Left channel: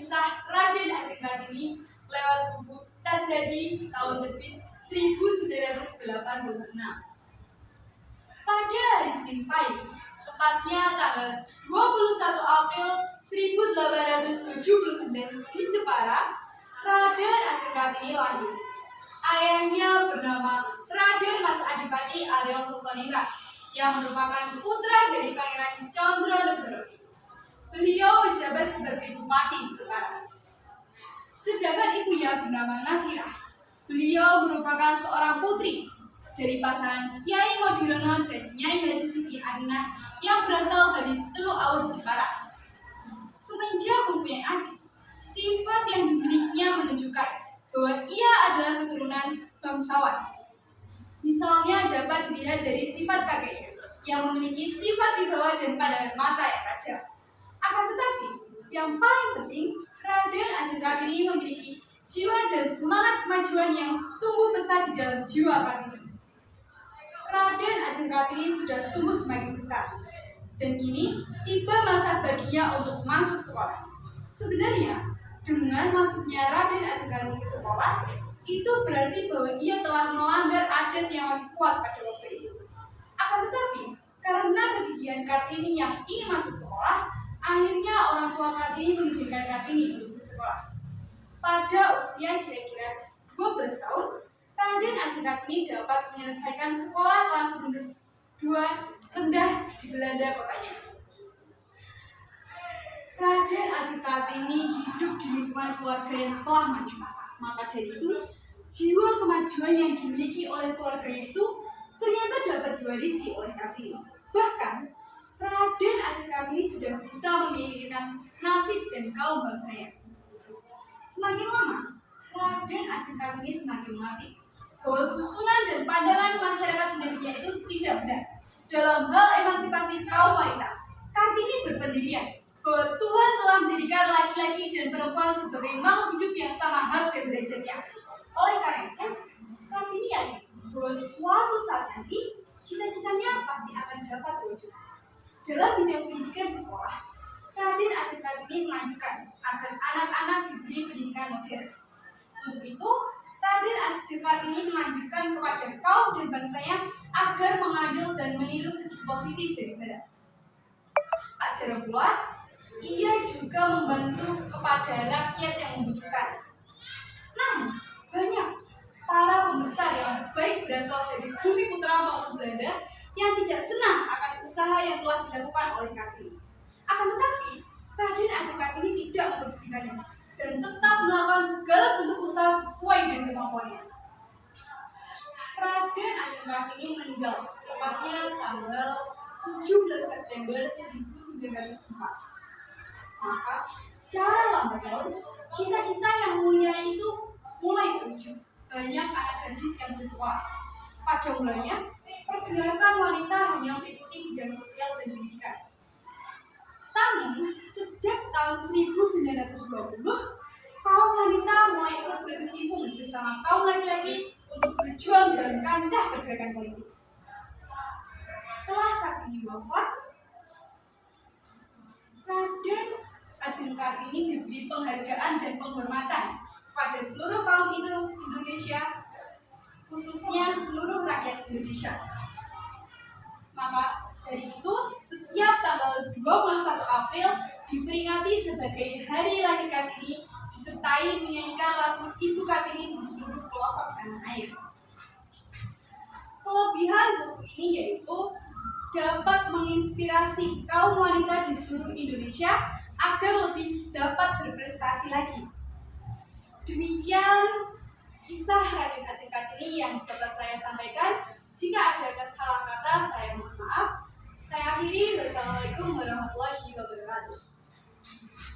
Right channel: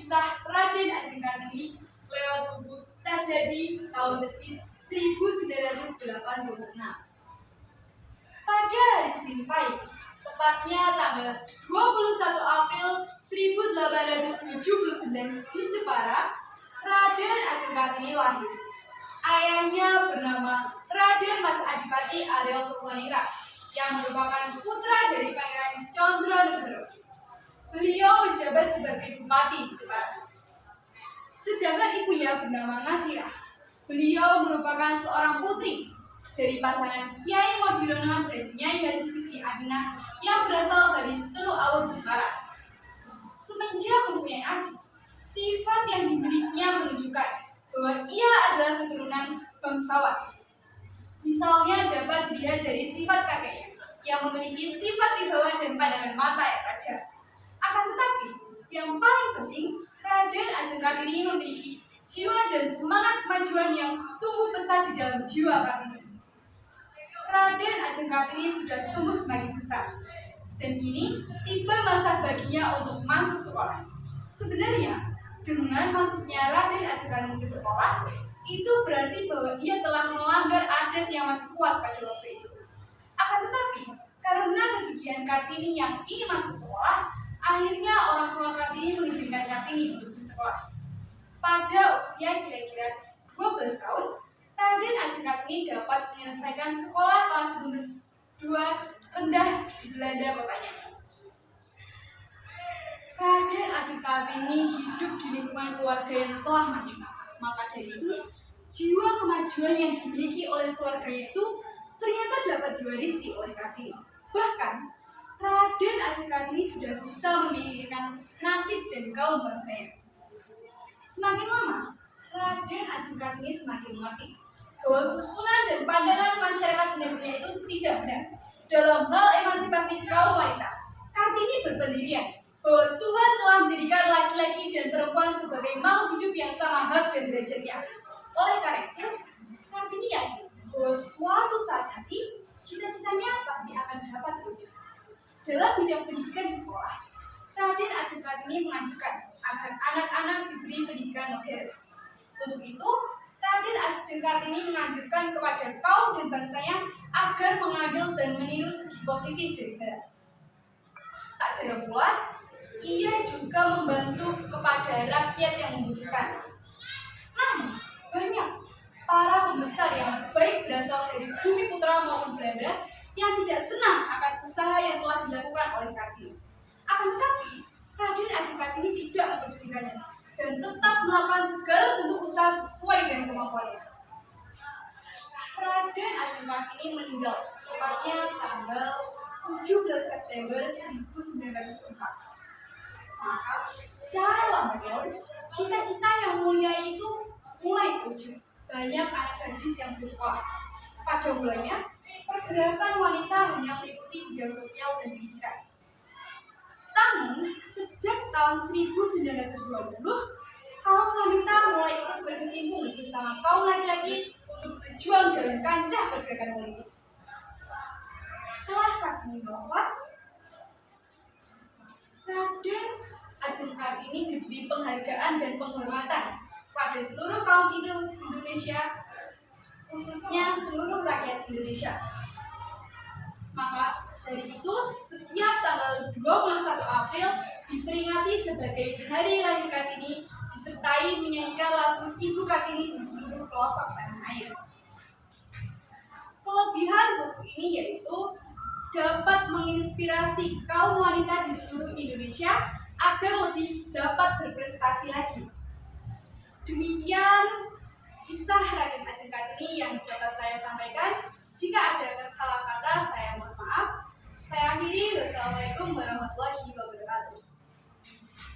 kisah Raden Ajeng Kartini lewat buku Tasadi tahun terbit 1986. Pada hari Senin pagi, tepatnya tanggal 21 April 1879 di Jepara, Raden Ajeng Kartini lahir. Ayahnya bernama Raden Mas Adipati Aryo Sosoningrat yang merupakan putra dari Pangeran Condronegoro. Beliau menjabat sebagai bupati di Jepara. Sedangkan ibunya bernama Nasirah. Beliau merupakan seorang putri dari pasangan Kiai Modirono dan Nyai Haji Siti Aminah yang berasal dari Teluk Awur Jepara. Semenjak mempunyai adik, sifat yang dimilikinya menunjukkan bahwa ia adalah keturunan bangsawan. Misalnya dapat dilihat dari sifat kakeknya yang memiliki sifat wibawa dan pandangan mata yang tajam. Akan tetapi, yang paling penting, Raden Ajeng Kartini memiliki jiwa dan semangat kemajuan yang tumbuh besar di dalam jiwa Kartini. Raden Ajeng Kartini sudah tumbuh semakin besar, dan kini tiba masa baginya untuk masuk sekolah. Sebenarnya, dengan masuknya Raden Ajeng Kartini ke sekolah, itu berarti bahwa ia telah melanggar adat yang masih kuat pada waktu itu. Akan tetapi, karena kegigihan Kartini yang ingin masuk sekolah, akhirnya orang tua Kartini mengizinkan Kartini untuk bersekolah. Pada usia kira-kira 12 tahun, Raden Ajeng Kartini dapat menyelesaikan sekolah kelas 2 rendah di Belanda kotanya. Raden Ajeng Kartini hidup di lingkungan keluarga yang telah maju. Maka dari itu, jiwa kemajuan yang dimiliki oleh keluarganya itu ternyata dapat diwarisi oleh Kartini. Bahkan, Raden Ajeng Kartini sudah bisa memikirkan nasib dan kaum bangsanya. Semakin lama, Raden Ajeng Kartini semakin mengerti bahwa susunan dan pandangan masyarakat Indonesia itu tidak benar dalam hal emansipasi kaum wanita. Kartini berpendirian bahwa Tuhan telah menjadikan laki-laki dan perempuan sebagai makhluk hidup yang sama hak dan derajatnya. Oleh karena itu, Kartini yakin bahwa suatu saat nanti cita-citanya pasti akan dapat terwujud. Dalam bidang pendidikan di sekolah, Raden Ajeng Kartini mengajukan agar anak-anak diberi pendidikan modern. Untuk itu, Raden Ajeng Kartini menganjurkan kepada kaum dan bangsanya agar mengambil dan meniru segi positif dari barat. Tak jarang pula, ia juga membantu kepada rakyat yang membutuhkan. Namun, banyak para pembesar yang baik berasal dari bumi putra maupun Belanda yang tidak senang akan usaha yang telah dilakukan oleh Kartini. Akan tetapi, Raden Ajeng Kartini tidak memperdulikannya dan tetap melakukan segala bentuk usaha sesuai dengan kemampuannya. Raden Ajeng Kartini meninggal tepatnya tanggal 17 September 1904. Maka, secara lambat laun, cita-cita yang mulia itu mulai terwujud. Banyak anak gadis yang bersekolah. Pada mulanya, pergerakan wanita hanya meliputi bidang sosial dan pendidikan. Namun, sejak tahun 1920, kaum wanita mulai ikut berkecimpung bersama kaum laki-laki untuk berjuang dalam kancah pergerakan politik. Setelah Kartini wafat, Raden Ajeng Kartini diberi penghargaan dan penghormatan pada seluruh kaum Indonesia, khususnya seluruh rakyat Indonesia. Maka dari itu, setiap tanggal 21 April diperingati sebagai Hari Lahir Kartini, disertai menyanyikan lagu Ibu Kartini di seluruh pelosok tanah air. Kelebihan buku ini yaitu dapat menginspirasi kaum wanita di seluruh Indonesia agar lebih dapat berprestasi lagi. Demikian kisah Raden Ajeng Kartini yang dapat saya sampaikan. Jika ada kesalahan kata, saya mohon maaf. Saya akhiri. Wassalamualaikum warahmatullahi wabarakatuh.